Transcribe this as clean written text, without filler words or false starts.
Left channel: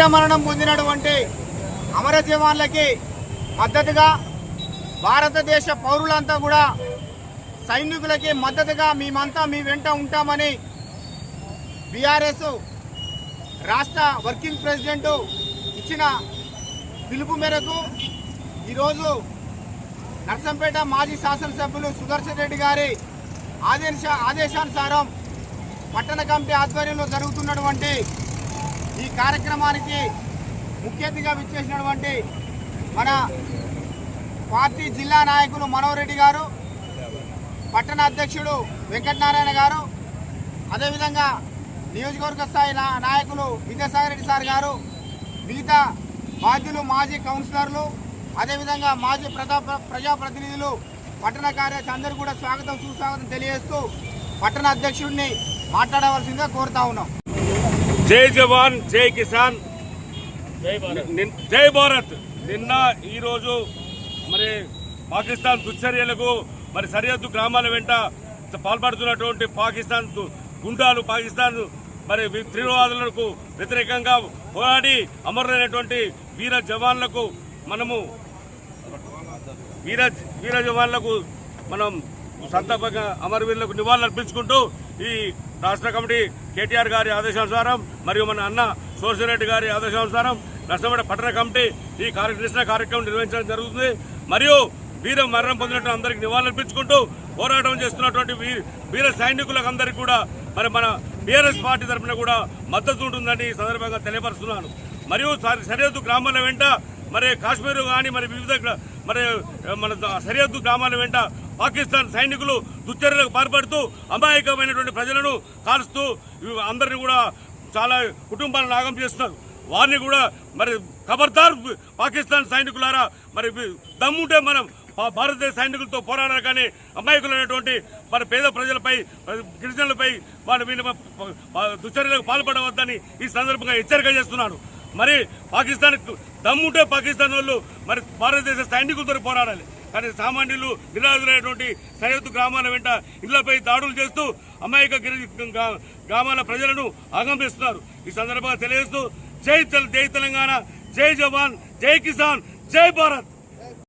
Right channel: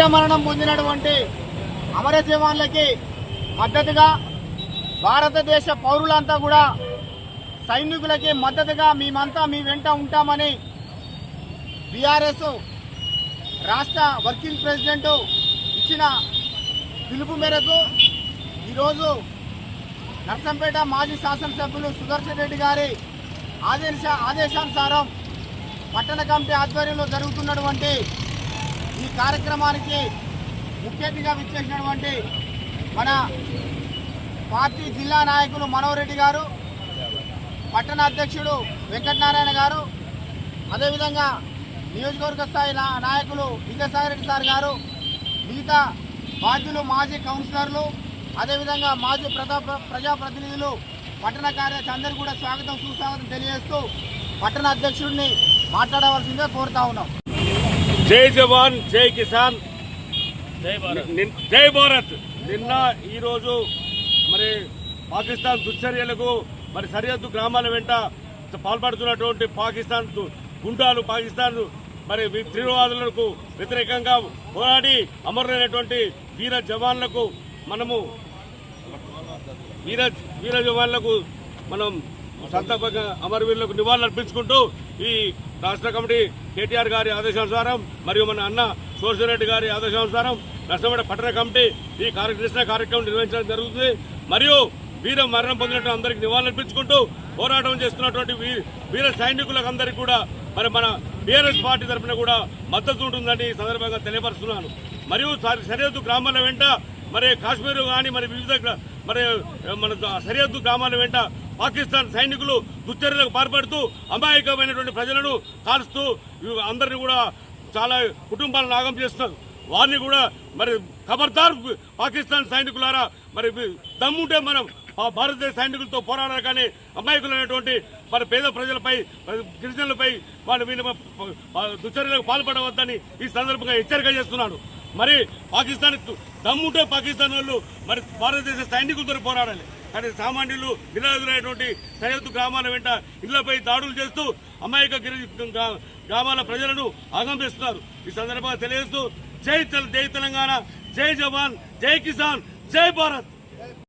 వీరమరణం పొందినటువంటి అమర జవాన్లకి మద్దతుగా భారతదేశ పౌరులంతా కూడా సైనికులకి మద్దతుగా మేమంతా మీ వెంట ఉంటామని బీఆర్ఎస్ రాష్ట్ర వర్కింగ్ ప్రెసిడెంట్ ఇచ్చిన పిలుపు మేరకు ఈరోజు నర్సంపేట మాజీ శాసనసభ్యులు సుదర్శన్ రెడ్డి గారి ఆదేశానుసారం పట్టణ కమిటీ ఆధ్వర్యంలో జరుగుతున్నటువంటి ఈ కార్యక్రమానికి ముఖ్య అతిథిగా విచ్చేసినటువంటి మన పార్టీ జిల్లా నాయకులు మనోహర్ రెడ్డి గారు, పట్టణ అధ్యక్షుడు వెంకటనారాయణ గారు, అదేవిధంగా నియోజకవర్గ స్థాయి నాయకులు విద్యాసాగర్ రెడ్డి సార్ గారు, మిగతా బాధ్యులు మాజీ కౌన్సిలర్లు, అదేవిధంగా మాజీ ప్రజాప్రతినిధులు, పట్టణ కార్యదర్శి అందరూ కూడా స్వాగతం సుస్వాగతం తెలియజేస్తూ పట్టణ అధ్యక్షుడిని మాట్లాడవలసిందిగా కోరుతా ఉన్నాం. జై జవాన్, జై కిసాన్, జై భారత్. నిన్న ఈరోజు మరి పాకిస్తాన్ దుశ్చర్యలకు మరి సరిహద్దు గ్రామాల వెంట పాల్పడుతున్నటువంటి పాకిస్తాన్ గుండాలు, పాకిస్తాన్ మరి తీవ్రవాదులకు వ్యతిరేకంగా పోరాడి అమరులైనటువంటి వీర జవాన్లకు మనం సంతాపంగా అమరవీరులకు నివాళులర్పించుకుంటూ ఈ రాష్ట్ర కమిటీ కేటీఆర్ గారి ఆదేశానుసారం మరియు మన అన్న సోర్సిరెడ్డి గారి ఆదేశానుసారం నర్సంపేట పట్టణ కమిటీ ఈ కార్యక్రమం నిర్వహించడం జరుగుతుంది. మరియు వీర మరణం పొందినట్టు అందరికీ నివాళులర్పించుకుంటూ పోరాటం చేస్తున్నటువంటి వీర సైనికులకు అందరికీ కూడా మరి మన బీఆర్ఎస్ పార్టీ తరఫున కూడా మద్దతు ఉంటుందని ఈ సందర్భంగా తెలియపరుస్తున్నాను. మరియు సరిహద్దు గ్రామాల వెంట మరి కాశ్మీర్ కానీ మరి వివిధ మరి మన సరిహద్దు గ్రామాల వెంట పాకిస్తాన్ సైనికులు దుశ్చర్యలకు పాల్పడుతూ అమాయకమైనటువంటి ప్రజలను కాల్స్తూ అందరినీ కూడా చాలా కుటుంబాలను నాగం చేస్తున్నారు. వారిని కూడా మరి ఖబర్దార్ పాకిస్తాన్ సైనికులారా, మరి దమ్ముంటే మనం భారతదేశ సైనికులతో పోరాడాలి, కానీ అమాయకులైనటువంటి మరి పేద ప్రజలపై, గిరిజనులపై వారి దుశ్చర్యలకు పాల్పడవద్దని ఈ సందర్భంగా హెచ్చరిక చేస్తున్నాను. మరి పాకిస్తాన్ దమ్ముంటే పాకిస్తాన్ వాళ్ళు మరి భారతదేశ సైనికులతో పోరాడాలి, కానీ సామాన్యులు నిరాధులైనటువంటి సరిహద్దు గ్రామాల వెంట ఇళ్లపై దాడులు చేస్తూ అమాయక గ్రామాల ప్రజలను ఆగంపిస్తున్నారు. ఈ సందర్భంగా తెలియజేస్తూ జై తెలంగాణ, జై జవాన్, జై కిసాన్, జై భారత్.